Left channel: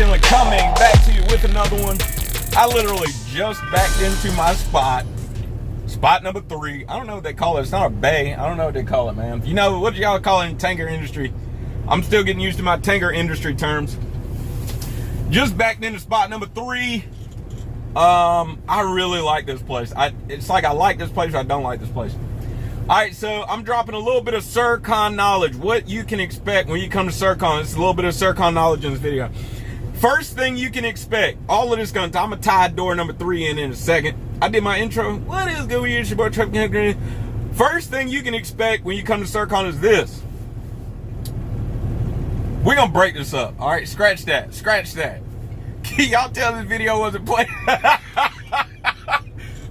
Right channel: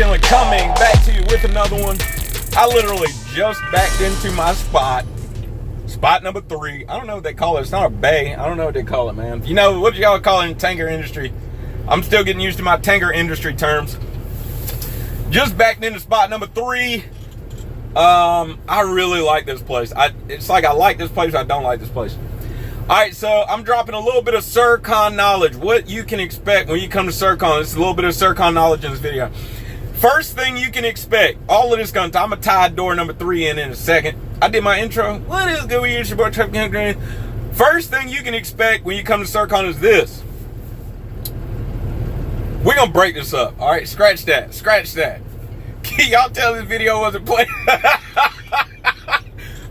CIRCON coming back to you with another one. I literally just backed into my spot number 3. I don't know what they call it. It's not a bay. I don't know what they call it, man. You know, what y'all call it in tanker industry? I'm still getting used to my tanker industry terms. Just backed into spot number 3. I really like this place. It's like I like this place, I don't like this place. All right, so I'm dropping a little bit of CIRCON knowledge. What you can expect when you come to CIRCON. It's a little bit of CIRCON knowledge in this video. First thing you can expect, all of this I'm gonna tie door number 3 in a second. I did my intro. What is good with you? It's your boy Trap Green. First thing you can expect when you come to CIRCON is this. We're gonna break this up. All right, scratch that. Can y'all tell this video wasn't playing? I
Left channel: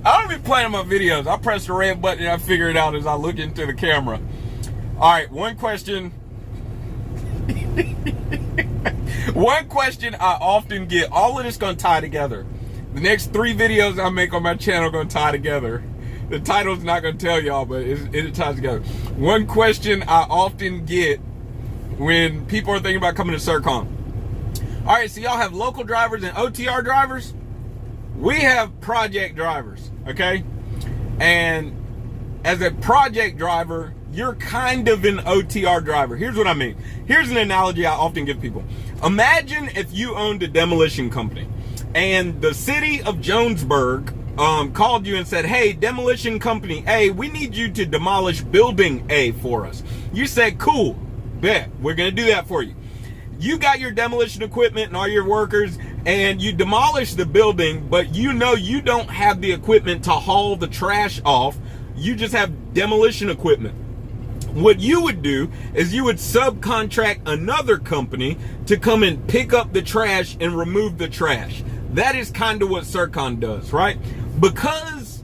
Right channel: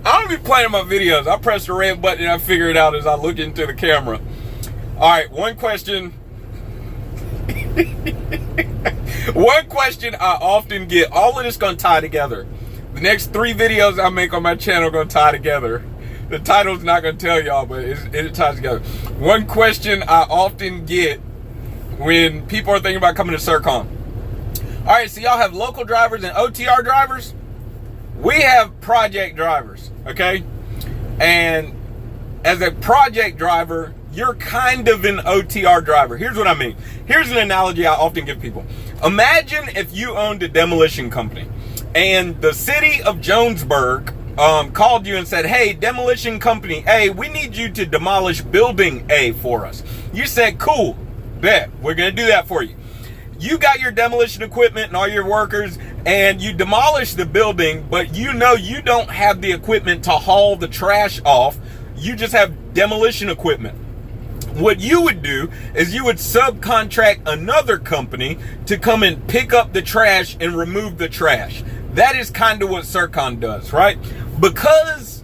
don't be playing my videos. I press the red button and I figure it out as I look into the camera. All right, one question. One question I often get. All of this gonna tie together. The next 3 videos I make on my channel are gonna tie together. The title's not gonna tell y'all, but it ties together. One question I often get when people are thinking about coming to CIRCON. All right, so y'all have local drivers and OTR drivers. We have project drivers, okay? And as a project driver, you're kind of an OTR driver. Here's what I mean. Here's an analogy I often give people. Imagine if you owned a demolition company and the city of Jonesburg called you and said, hey, demolition company A, we need you to demolish building A for us. You said, cool, bet, we're gonna do that for you. You got your demolition equipment and all your workers and you demolish the building, but you know you don't have the equipment to haul the trash off. You just have demolition equipment. What you would do is you would subcontract another company to come and pick up the trash and remove the trash. That is kind of what CIRCON does, right? Because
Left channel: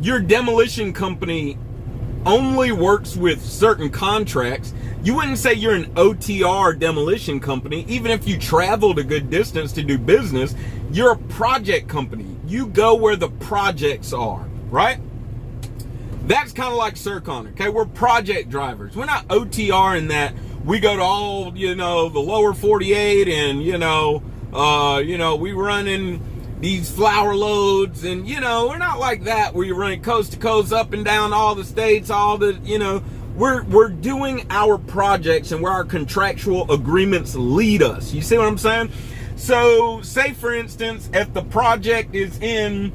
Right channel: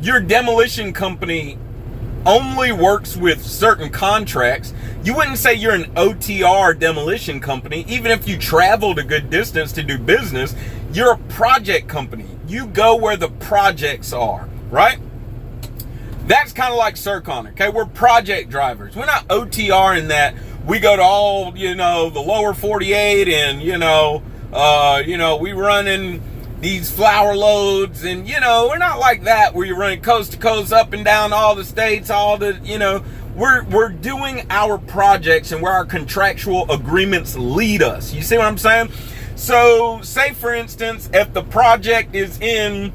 your demolition company only works with certain contracts, you wouldn't say you're an OTR demolition company. Even if you traveled a good distance to do business, you're a project company. You go where the projects are, right? That's kind of like CIRCON, okay? We're project drivers. We're not OTR in that we go to all, the lower 48 and, we running these flour loads and, we're not like that where you're running coast to coast up and down all the states, we're doing our projects and where our contractual agreements lead us. You see what I'm saying? So say for instance, if the project is in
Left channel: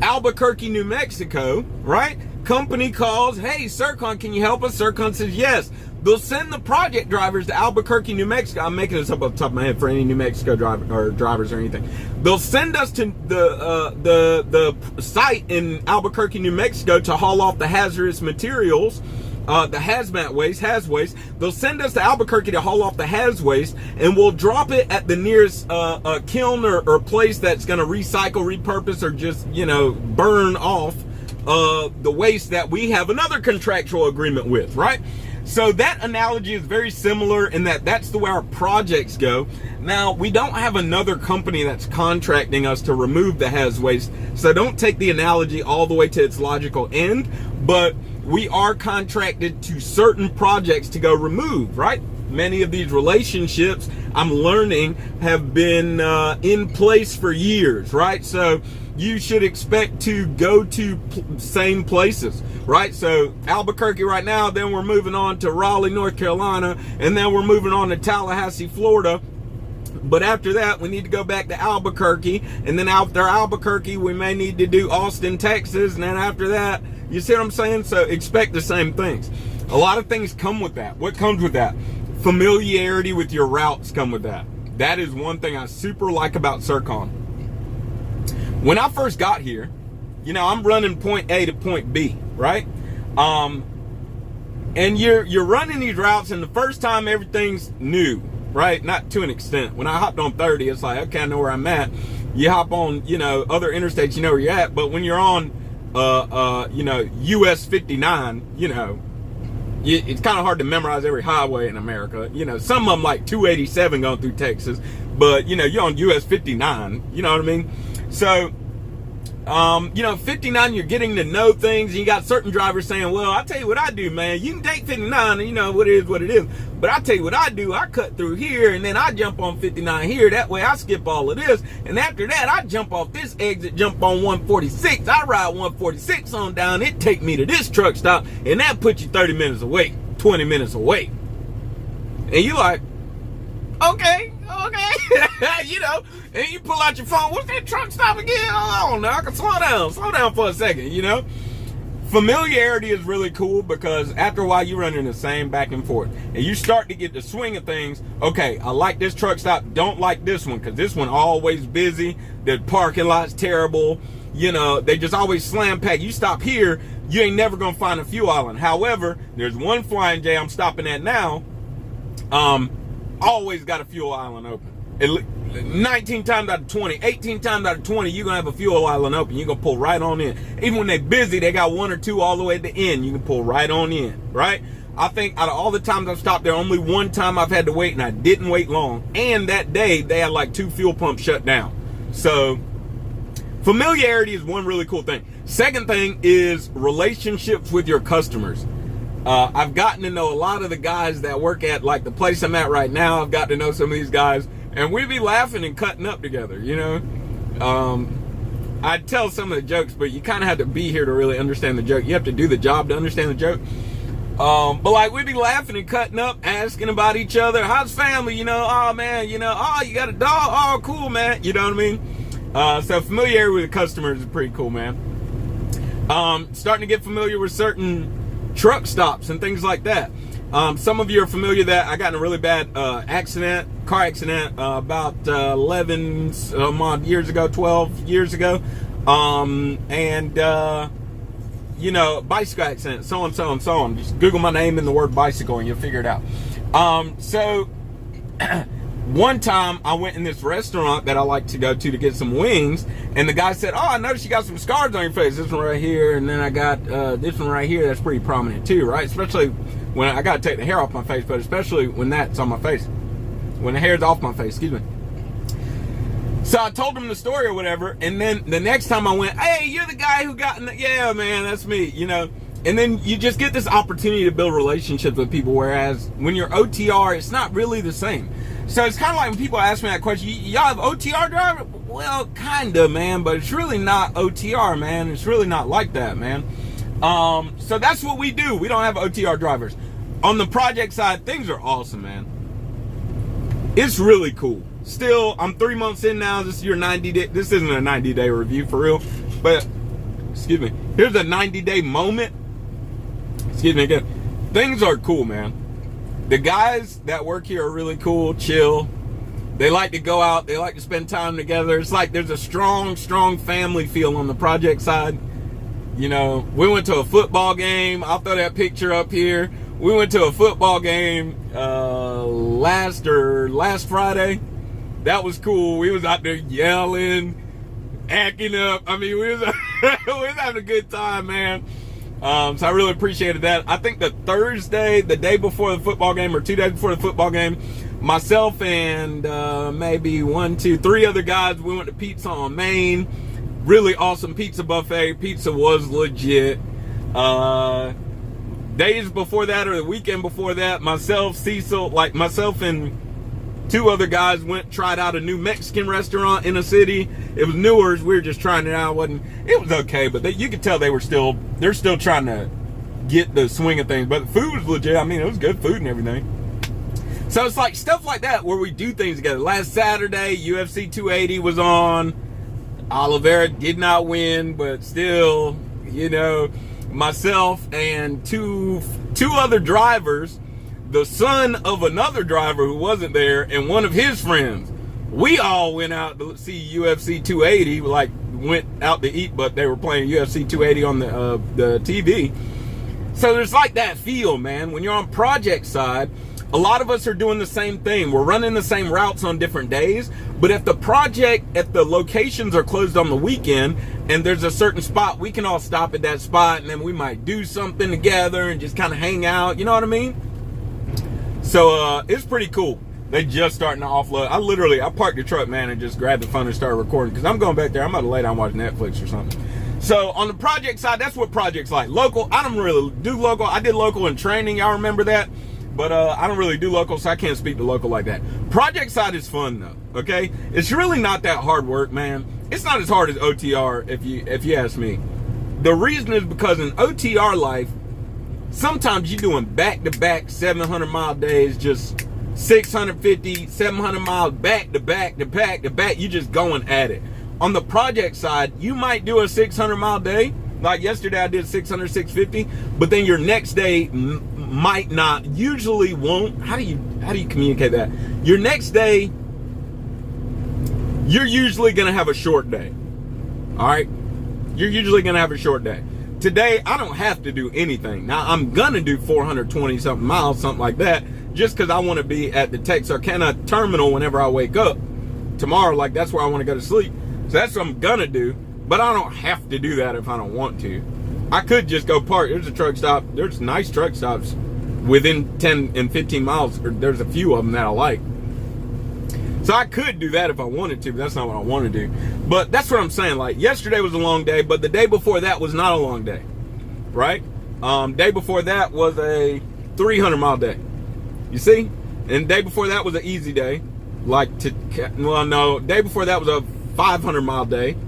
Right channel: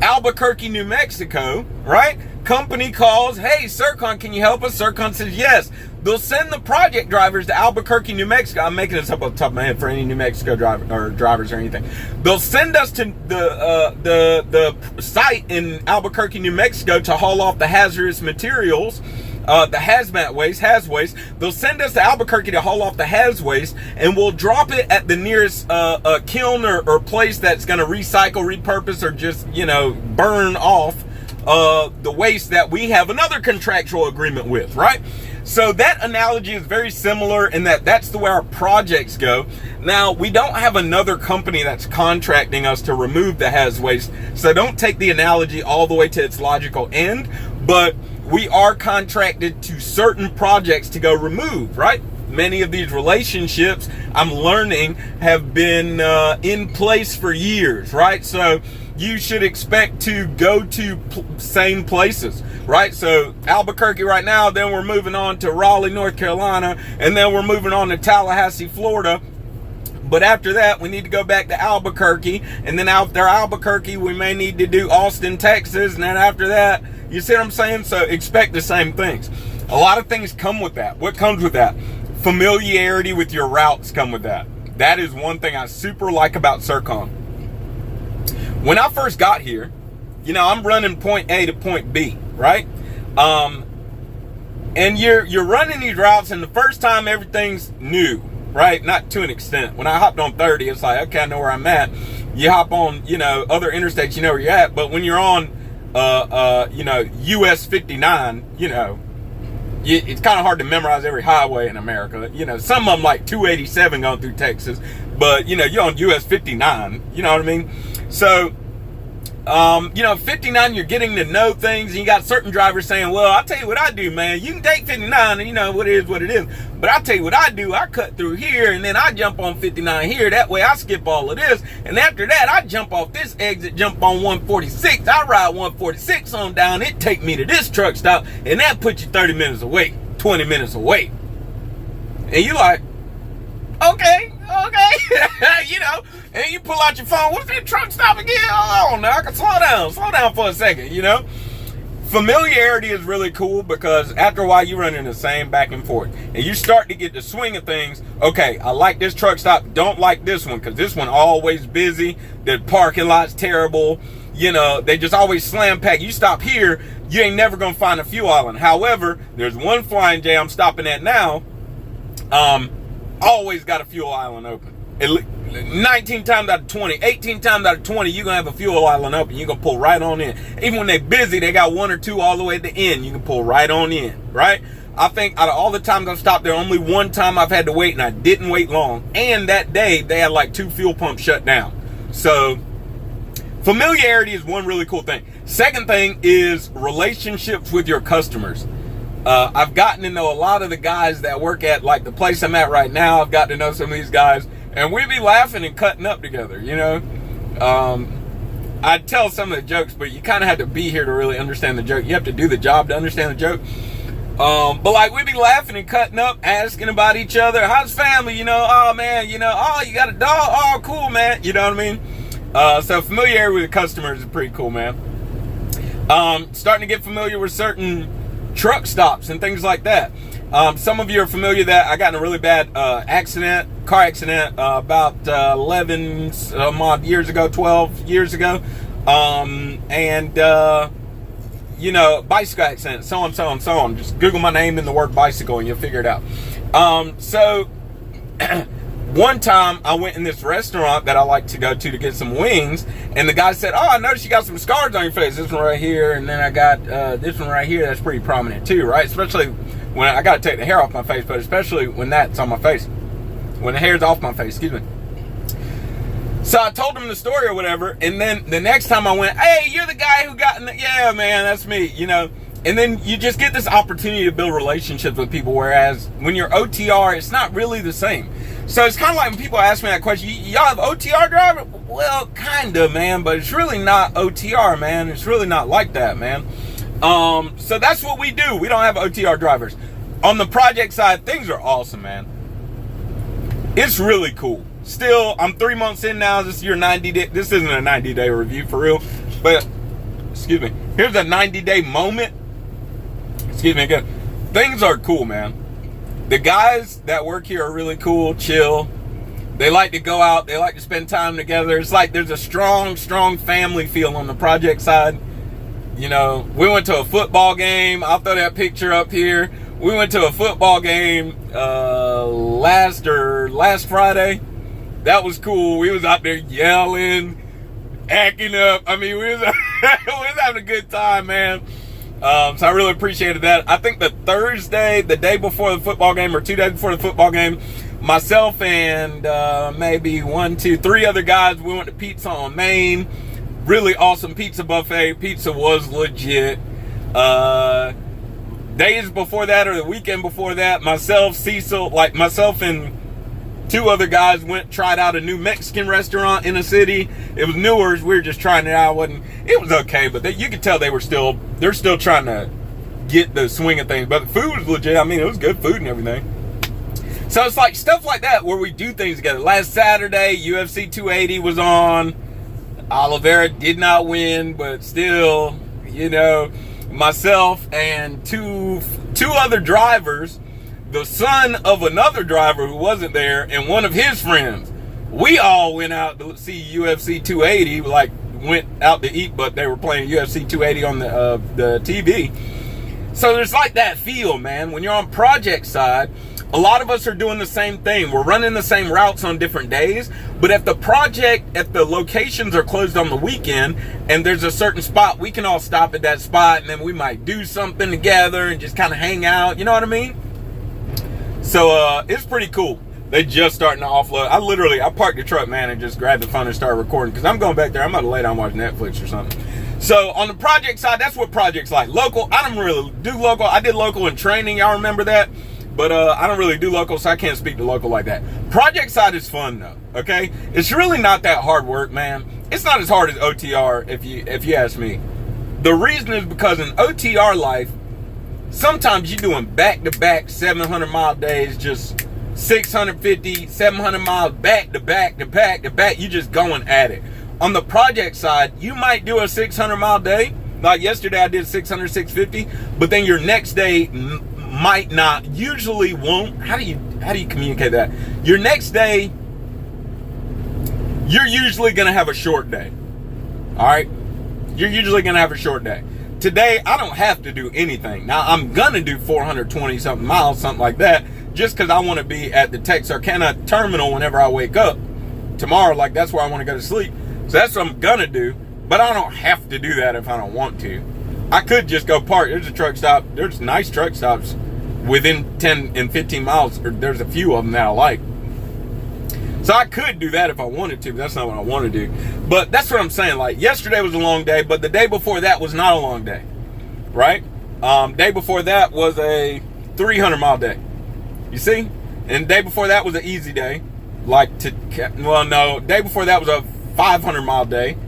Albuquerque, New Mexico, right? Company calls, hey, CIRCON, can you help us? CIRCON says yes. They'll send the project drivers to Albuquerque, New Mexico. I'm making this up off the top of my head for any New Mexico drivers or anything. They'll send us to the site in Albuquerque, New Mexico to haul off the hazardous materials, the hazmat waste, haz waste. They'll send us to Albuquerque to haul off the haz waste, and we'll drop it at the nearest kiln or place that's going to recycle, repurpose, or just burn off the waste that we have another contractual agreement with, right? So that analogy is very similar in that that's the way our projects go. Now, we don't have another company that's contracting us to remove the haz waste, so don't take the analogy all the way to its logical end, but we are contracted to certain projects to go remove, right? Many of these relationships, I'm learning, have been in place for years, right? So you should expect to go to same places, right? So Albuquerque right now, then we're moving on to Raleigh, North Carolina, and then we're moving on to Tallahassee, Florida. But after that, we need to go back to Albuquerque, and then after Albuquerque, we may need to do Austin, Texas, and then after that, you see what I'm saying? So expect the same things. A lot of things come with that. What comes with that? Familiarity with your routes come with that. That is one thing I super like about CIRCON. When I first got here, I'm running point A to point B, right? And you're running these routes, and the first time everything's new, right? Not to an extent. When I hopped on 30, it's like, okay, I know where I'm at. You hop on, other interstates, you know where you're at. But when you're on, US 59, it's kind of hard to memorize every highway in America. Some of them like 287 going through Texas, but you're on US 59, you know what I mean? So You know, 59, you're getting to know things, and you got certain drivers saying, well, I'll tell you what I do, man. You can take 59, and you know, what it is. But I'll tell you what I do. I cut through here, and then I jump on 59 here. That way I skip all of this. And after that, I jump off this exit, jump on 146. I ride 146 on down. It take me to this truck stop, and that puts you 30 minutes away, 20 minutes away. And you like, okay. You know, and you pull out your phone. What's that truck stop again? Hold on now, I can slow down for a second, you know. Familiarity is really cool because after a while you're running the same back and forth, and you start to get the swing of things. Okay, I like this truck stop, don't like this one because this one always busy, the parking lot's terrible, you know, they just always slam packed. You stop here, you ain't never gonna find a fuel island. However, there's one flying J I'm stopping at now, always got a fuel island open. 19 times out of 20, 18 times out of 20, you're gonna have a fuel island open. You're gonna pull right on in. Even when they're busy, they got one or two all the way at the end. You can pull right on in, right? I think out of all the times I've stopped there, only one time I've had to wait, and I didn't wait long. And that day, they had like 2 fuel pumps shut down. So familiarity is one really cool thing. Second thing is relationships with your customers. I've gotten to know a lot of the guys that work at like the place I'm at right now. I've got to know some of these guys, and we be laughing and cutting up together, you know. I tell some of the jokes, but you kind of have to be here to really understand the joke. You have to do the job to understand the joke. But like we be laughing and cutting up, asking about each other. How's family? You know, oh man, you know, oh, you got a dog? Oh, cool, man. You know what I mean? So familiarity with the customers is pretty cool, man. Starting to get familiar with certain truck stops and things like that. Some of you are familiar that I got in a really bad car accident about 11 odd years ago, 12 years ago. You know, bicycle accident, so on. Just Google my name and the word bicycle and you'll figure it out. So one time I went in this restaurant that I like to go to get some wings, and the guy said, oh, I noticed you got some scars on your face. This one right here, and then I got this one right here that's pretty prominent too, right? Especially when I gotta take the hair off my face, but especially when that's on my face. When the hair's off my face, excuse me. So I told him the story or whatever, and then the next time I went, hey, you're the guy who got in the, yeah, man, that's me, you know. And then you just get this opportunity to build relationships with people, whereas when you're OTR, it's not really the same. So it's kind of like when people ask me that question, y'all have OTR driver? Well, kind of, man, but it's really not OTR, man. It's really not like that, man. So that's what we do. We don't have OTR drivers. On the project side, things are awesome, man. It's really cool. Still, I'm 3 months in now. This is your 90-day. This isn't a 90-day review for real, but excuse me. Here's a 90-day moment. Excuse me again. Things are cool, man. The guys that work here are really cool, chill. They like to go out. They like to spend time together. It's like there's a strong family feel on the project side. You know, we went to a football game. I'll throw that picture up here. We went to a football game last Friday. That was cool. We was out there yelling, acting up. I mean, we was having a good time, man. So I really appreciated that. I think the Thursday, the day before the football game, or 2 days before the football game, myself and maybe 1, 2, 3 other guys, we went to Pizza on Main. Really awesome pizza buffet. Pizza was legit. Days before that, or the weekend before that, myself and 2 other guys tried out a new Mexican restaurant in a city. It was newer. We were just trying it out. It was okay, but you could tell they're still trying to get the swing of things. But the food was legit. I mean, it was good food and everything. So it's like stuff like that where we do things together. Last Saturday, UFC 280 was on. Oliveira did not win, but still, you know, myself and two other drivers, the son of another driver who wasn't there, and one of his friends, we all went out to see UFC 280. Like, went out to eat, but they were playing UFC 280 on the TV. So there's like that feel, man. When you're on project side, a lot of us are doing the same thing. We're running the same routes on different days, but if the locations are closed on the weekend and there's a certain spot, we can all stop at that spot, and then we might do something together and just kind of hang out. You know what I mean? So it's pretty cool. They just starting to offload. I parked the truck, man, and just grabbed the phone and started recording because I'm going back there. I'm about to lay down and watch Netflix or something. So on the project side, that's what projects like. Local, I don't really do local. I did local in training. Y'all remember that? But I don't really do local, so I can't speak to local like that. Project side is fun though, okay? It's really not that hard work, man. It's not as hard as OTR if you ask me. The reason is because in OTR life, sometimes you're doing back-to-back 700-mile days, just 650, 700 miles back to back to back to back. You just going at it. On the project side, you might do a 600-mile day. Like yesterday, I did 600, 650. But then your next day might not, usually won't. How do you communicate that? Your next day, you're usually going to have a short day. All right? You're usually going to have a short day. Today, I don't have to do anything. Now, I'm going to do 420-something miles, something like that, just because I want to be at the Texarkana terminal whenever I wake up tomorrow. Like, that's where I want to go to sleep. So that's what I'm going to do. But I don't have to do that if I don't want to. I could just go park. There's a truck stop. There's nice truck stops within 10 and 15 miles. Or there's a few of them that I like. So I could do that if I wanted to, but that's not what I want to do. But that's what I'm saying. Like, yesterday was a long day, but the day before that was not a long day. Right? Day before that was a 300-mile day. You see? And the day before that was an easy day. Day before that was a 500-mile day.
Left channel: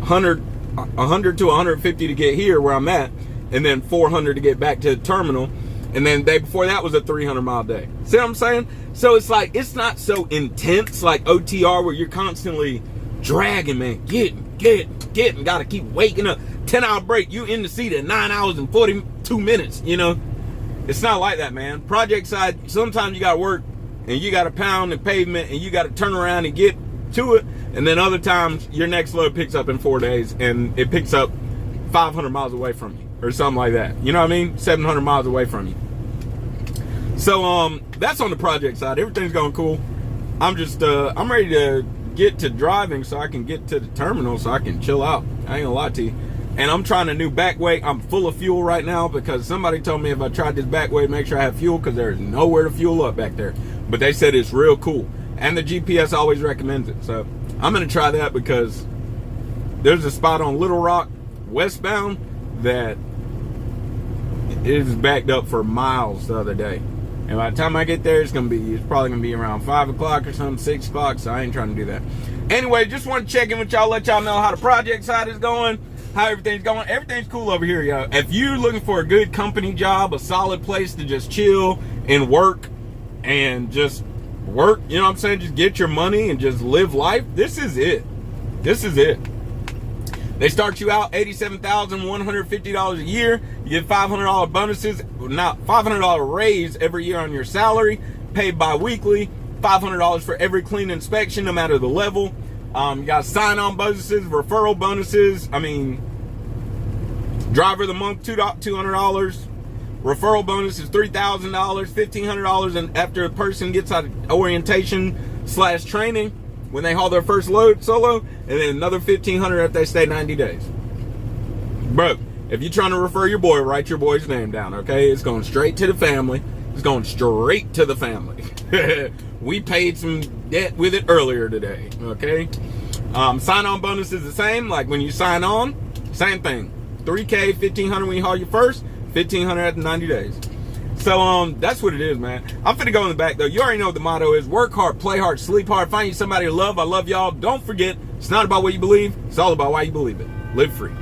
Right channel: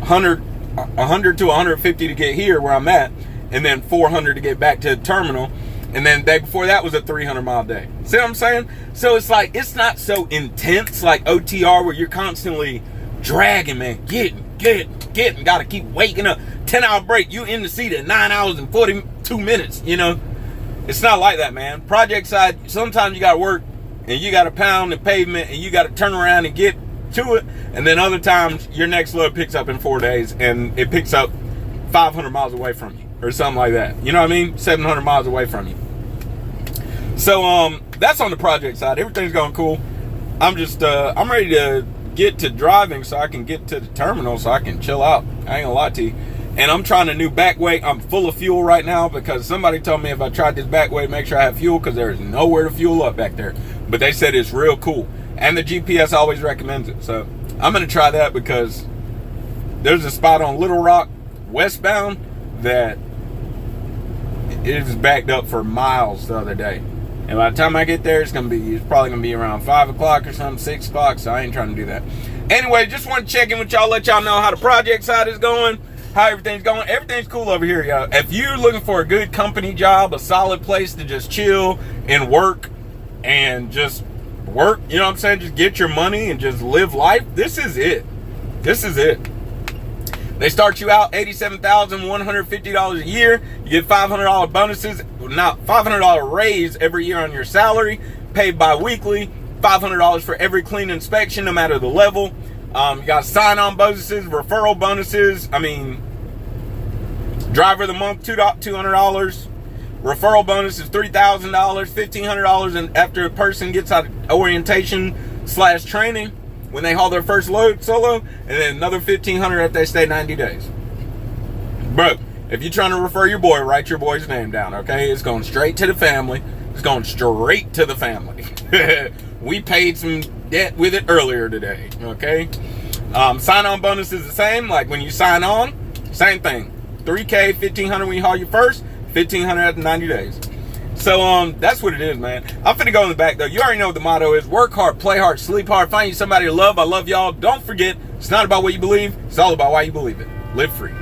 100 to 150 to get here where I'm at, and then 400 to get back to the terminal. And then the day before that was a 300-mile day. See what I'm saying? So it's like, it's not so intense like OTR where you're constantly dragging, man. Getting, gotta keep waking up. 10-hour break, you in the seat at 9 hours and 42 minutes, you know? It's not like that, man. Project side, sometimes you gotta work and you gotta pound the pavement and you gotta turn around and get to it. And then other times your next load picks up in 4 days and it picks up 500 miles away from you or something like that. You know what I mean? 700 miles away from you. So that's on the project side. Everything's going cool. I'm just I'm ready to get to driving so I can get to the terminal so I can chill out. I ain't gonna lie to you. And I'm trying a new back way. I'm full of fuel right now because somebody told me if I tried this back way, make sure I have fuel because there is nowhere to fuel up back there. But they said it's real cool. And the GPS always recommends it. So I'm going to try that because there's a spot on Little Rock westbound that it was backed up for miles the other day. And by the time I get there, it's probably going to be around 5 o'clock or something, 6 o'clock. So I ain't trying to do that. Anyway, just want to check in with y'all, let y'all know how the project side is going, how everything's going. Everything's cool over here, y'all. If you're looking for a good company job, a solid place to just chill and work and just work, you know what I'm saying? Just get your money and just live life. This is it. This is it. They start you out $87,150 a year. You get $500 bonuses, not $500 raise every year on your salary, paid bi-weekly, $500 for every clean inspection, no matter the level. You got sign-on bonuses, referral bonuses. I mean, driver of the month, $200. Referral bonus is $3,000, $1,500, and after a person gets out of orientation/training, when they haul their first load solo, and then another $1,500 if they stay 90 days. Bro, if you're trying to refer your boy, write your boy's name down, okay? It's going straight to the family. It's going straight to the family. We paid some debt with it earlier today, okay? Sign-on bonus is the same. Like when you sign on, same thing. $3K, $1,500 when you haul your first, $1,500 after 90 days. So that's what it is, man. I'm finna go in the back though. You already know what the motto is. Work hard, play hard, sleep hard, find you somebody to love. I love y'all. Don't forget, it's not about what you believe, it's all about why you believe it. Live free.